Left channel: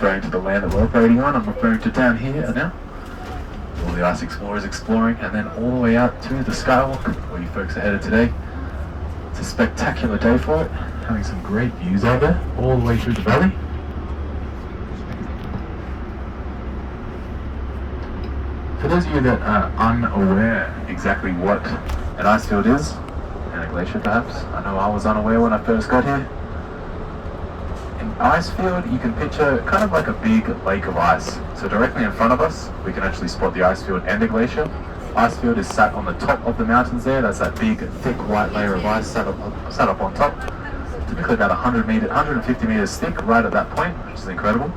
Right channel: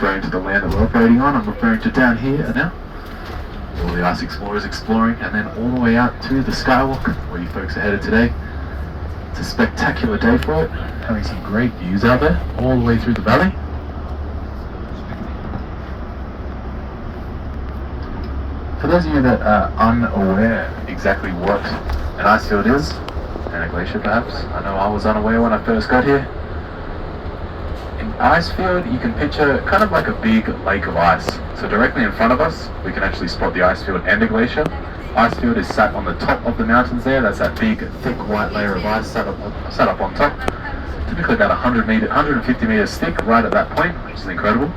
Referring to the land that we're operating on, I'm referring to down here now. All the ice explorers exploring, and then all the way out to the skywalk where you folks are headed today. It's a spectacular day for it, having some great views out there, all the way through the valley. For those of you that are unaware exactly what an icefield is, and a glacier perhaps, I know I was unaware when I first got here. An icefield, you can picture kind of like a big lake of ice. So directly in front of us, we can actually spot the icefield and the glacier. Icefield is sat on the top of the mountains there. That's that big, thick, white layer of ice sat up on top. Typically about 150 meters thick right at that point, which is incredible.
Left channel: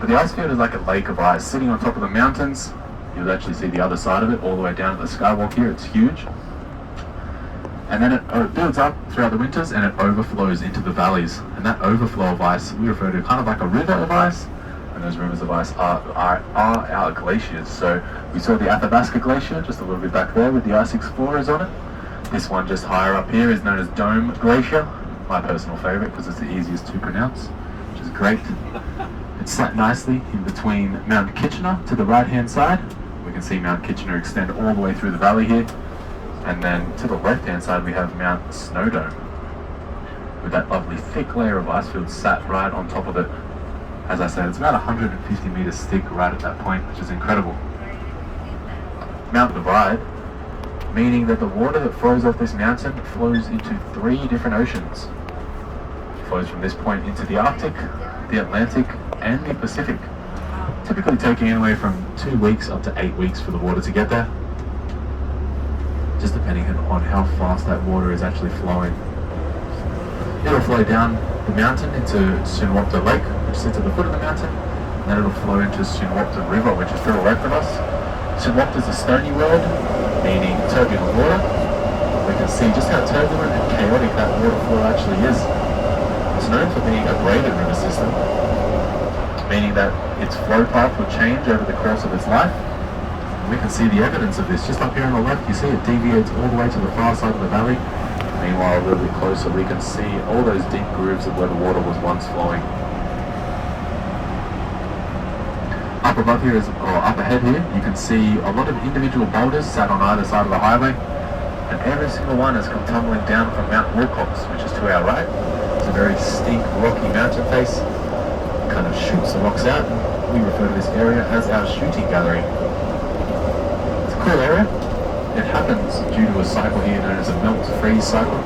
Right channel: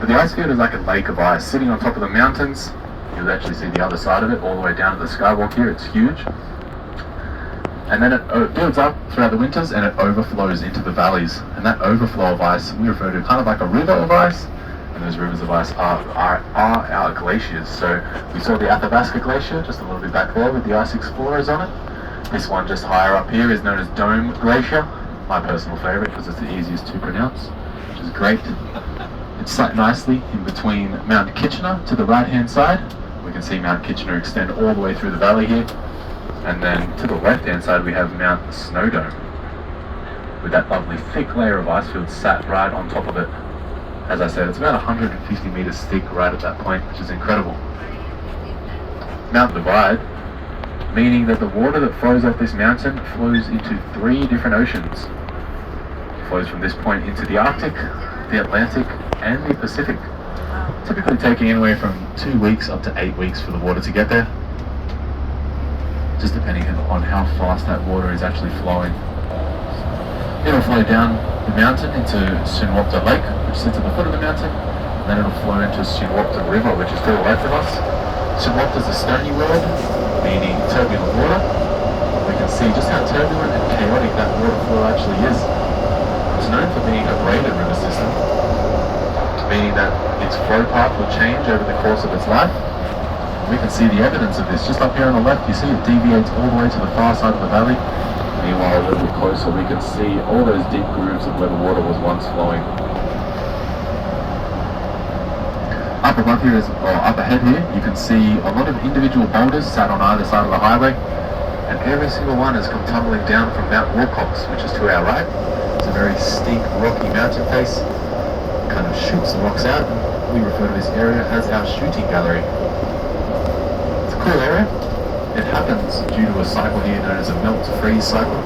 But the icefield is like a lake of ice sitting on top of the mountains. You'll actually see the other side of it all the way down to the skywalk here. It's huge. And then it builds up throughout the winters and it overflows into the valleys. And that overflow of ice we refer to kind of like a river of ice. And those rivers of ice are our glaciers. So we saw the Athabasca glacier just a little bit back there with the ice explorers on it. This one just higher up here is known as Dome Glacier. My personal favorite because it's the easiest to pronounce, which is great. It's sat nicely in between Mount Kitchener to the right hand side. We can see Mount Kitchener extend all the way through the valley here. And then to the left hand side we have Mount Snowdome with that lovely thick layer of icefield sat right on top of it. As I said, it's about 150 meters thick right at that point, which is incredible. Mount Divide, meaning that the water that flows off this mountain flows into 3 different oceans. It flows from this point into the Arctic, the Atlantic, and the Pacific. Typically taking anywhere from 2 weeks up to 8 weeks for the water to get there, just depending on how fast that water is actually flowing. It'll flow down the mountain into Sunwapta Lake, which sits at the foot of the mountain, and then it'll flow into Sunwapta River, which is to the left of us. Sunwapta is a stony world, meaning turbulent water. We can see just how turbulent and chaotic that water flow actually is. It's known for being a braided river system, meaning that its flow path will change over the course of its life. We can see the evidence of this just up here on the left. You see it deviates all the way to the far side of the valley. Meanwhile, a little bit closer, we can see all those deep grooves of where the water was once flowing. Up above here, or up ahead here, you can see a lot of individual boulders sat on either side of the highway, and every single one has come tumbling down from Mount Wilcox, which is to our right. It's a very steep, rocky mountain face. It kind of shoots the rocks out. We refer to this area as our shooting gallery. It's a cool area. It happens due to a cycle here known as a melt-freeze cycle.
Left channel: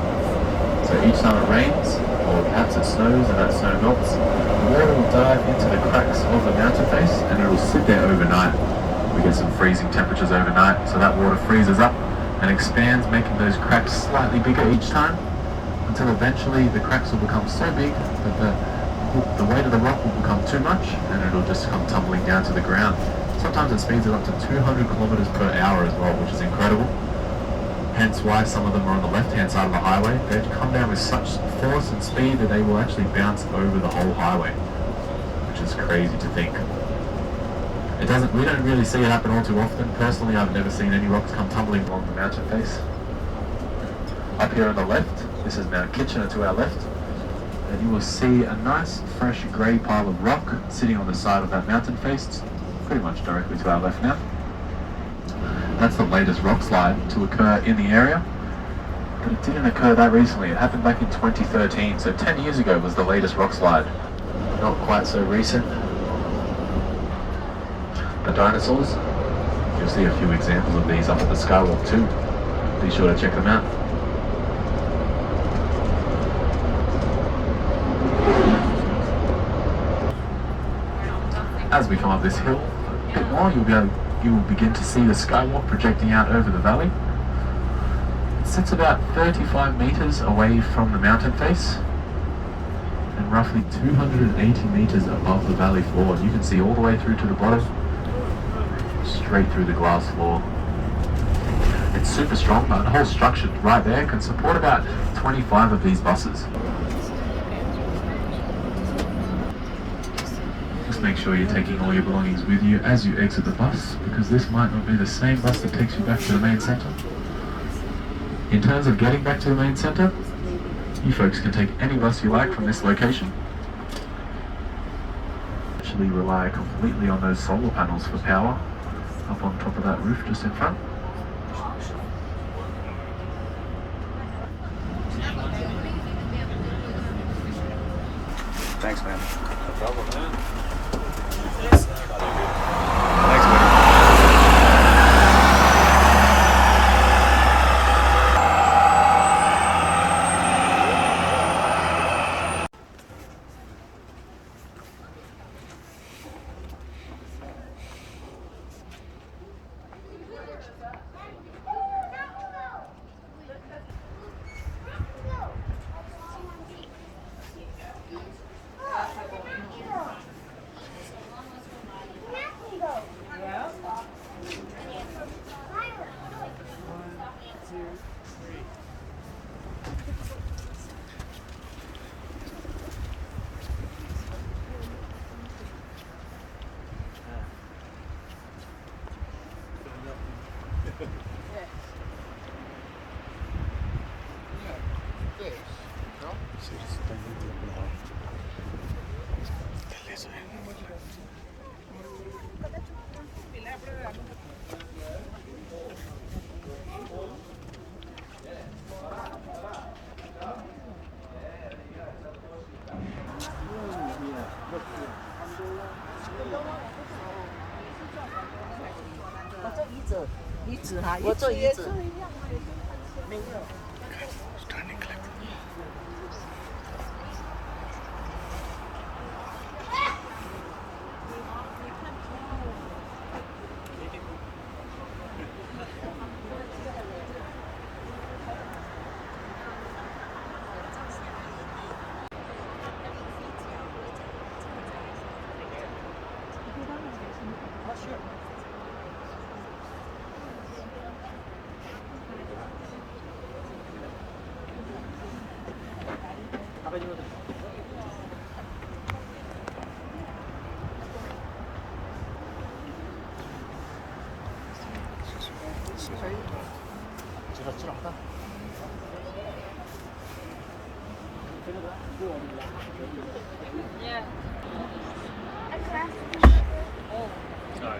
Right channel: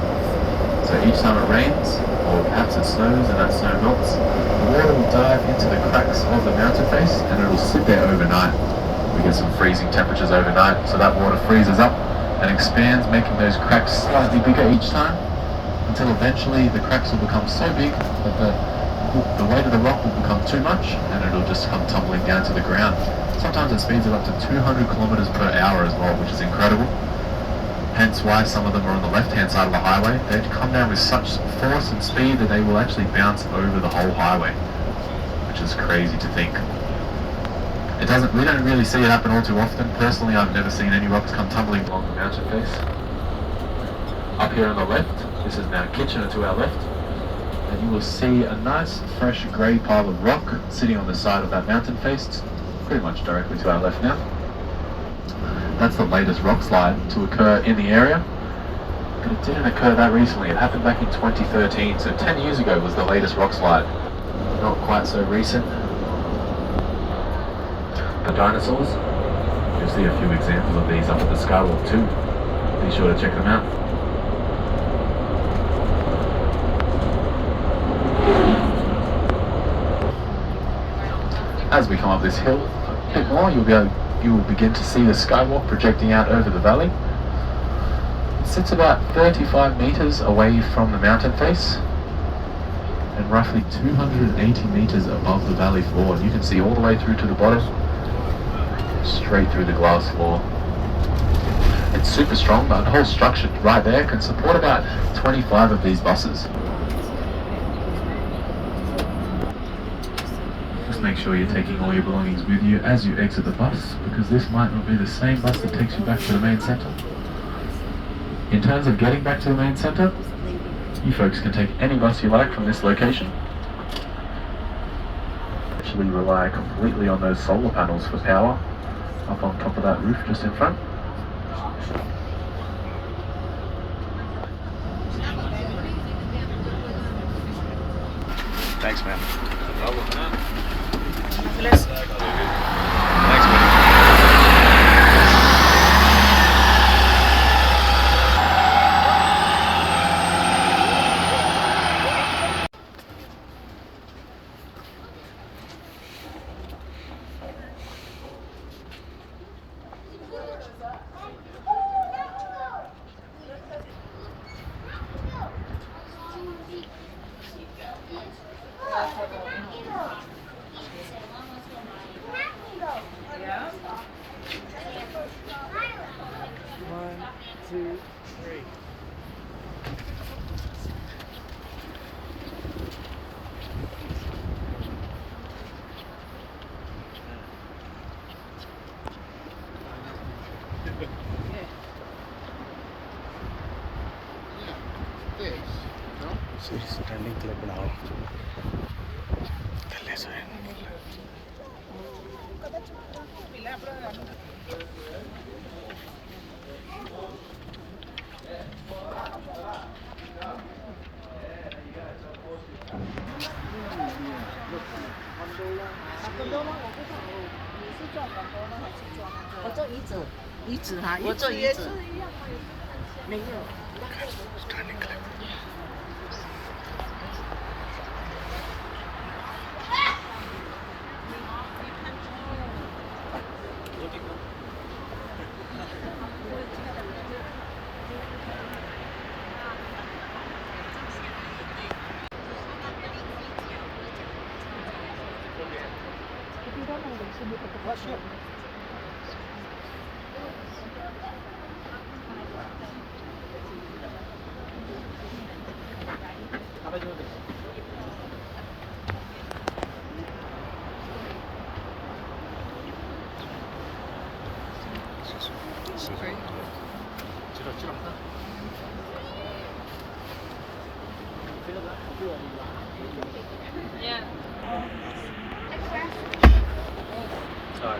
So each time it rains, or perhaps it snows and that snow melts, the water will dive into the cracks of the mountain face and it will sit there overnight. We get some freezing temperatures overnight, so that water freezes up and expands, making those cracks slightly bigger each time, until eventually the cracks will become so big that the weight of the rock will become too much and it'll just come tumbling down to the ground. Sometimes it speeds it up to 200 kilometers per hour as well, which is incredible. Hence why some of them are on the left-hand side of the highway. They come down with such force and speed that they will actually bounce over the whole highway, which is crazy to think. We don't really see it happen all too often. Personally, I've never seen any rocks come tumbling along the mountain face. Up here on the left, this is Mount Kitchener to our left, and you will see a nice, fresh, grey pile of rock sitting on the side of that mountain face, pretty much directly to our left now. That's the latest rock slide to occur in the area, but it didn't occur that recently. It happened back in 2013, so 10 years ago was the latest rock slide. Not quite so recent. The dinosaurs, you'll see a few examples of these up at the skywalk too. Be sure to check them out. As we come up this hill a bit more, you will begin to see the skywalk projecting out over the valley. It sits about 35 meters away from the mountain face and roughly 280 meters above the valley floor. You can see all the way through to the bottom, straight through the glass floor. It's super strong, but the whole structure right there can support about 25 of these buses. Make sure you're taking all your belongings with you as you exit the bus, because this might not be the same bus that takes you back to the main centre. In terms of getting back to the main centre, you folks can take any bus you like from this location. actually rely completely on those solar panels for power up on top of that roof just in front. Thanks, man. No problem, man. Thanks, buddy. Standing clip बनाओ थल्ले से standing clip Yeah. Sorry.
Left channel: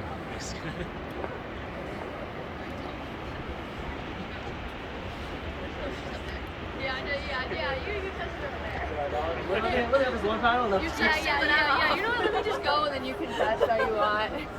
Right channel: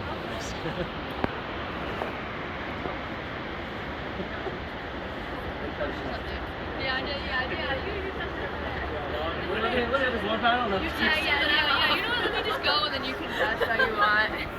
Yeah, I know, yeah, you touched it over there. Yeah, look at this one panel. Yeah, you know what, let me just go and then you can, that's how you want.